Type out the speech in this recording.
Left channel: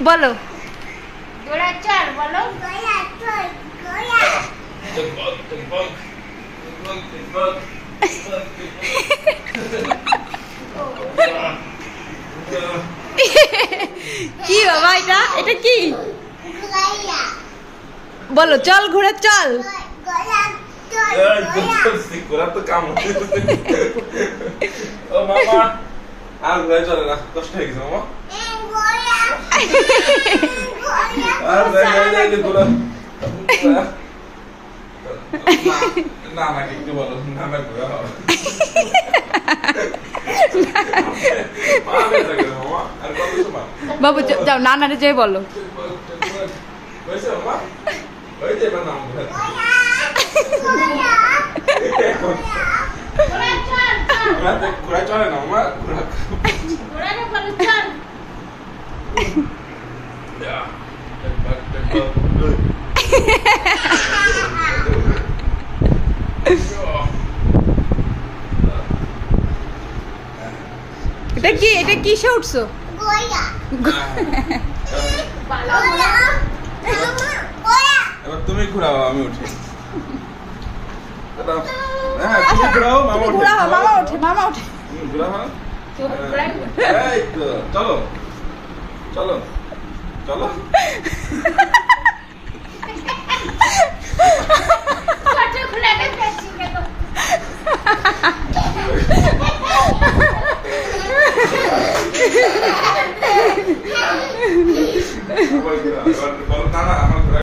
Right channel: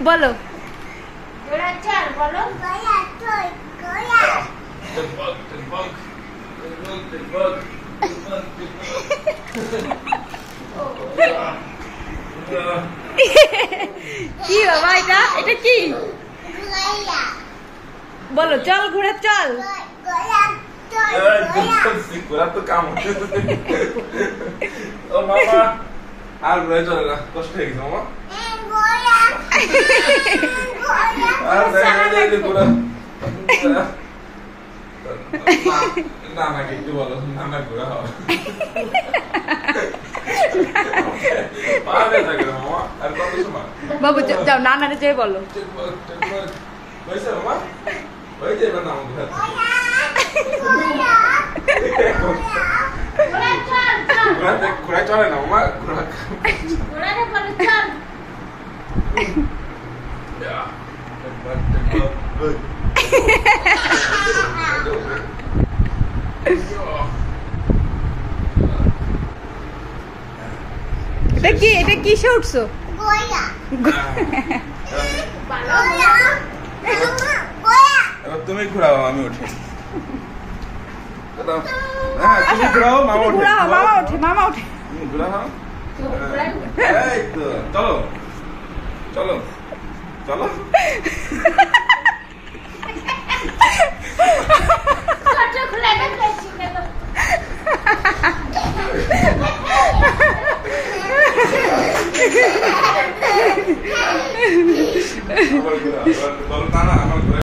বলো কি বাবা এটা কি বলো চল ঘুরে চল তো কাম ও মামা আর ঘুরে চলে না কষ্ট হয়ে গেছে মামা আর ঘুরে না না একটু বলো না না ঘুরা হবে মামা আর কত সময় বাবু যাও নানারে যাই বলো হয়েছে মামা হয়ে যাবে না ঘোরা চলে না মামা ঘোরা এটা কিসে উঠছো এবার তুমি ঘুরাও আমি উঠি তুমি ঘুরাও মামা ওঠে মামা ওঠে ঘুরাও এই তো চলো চলো চলো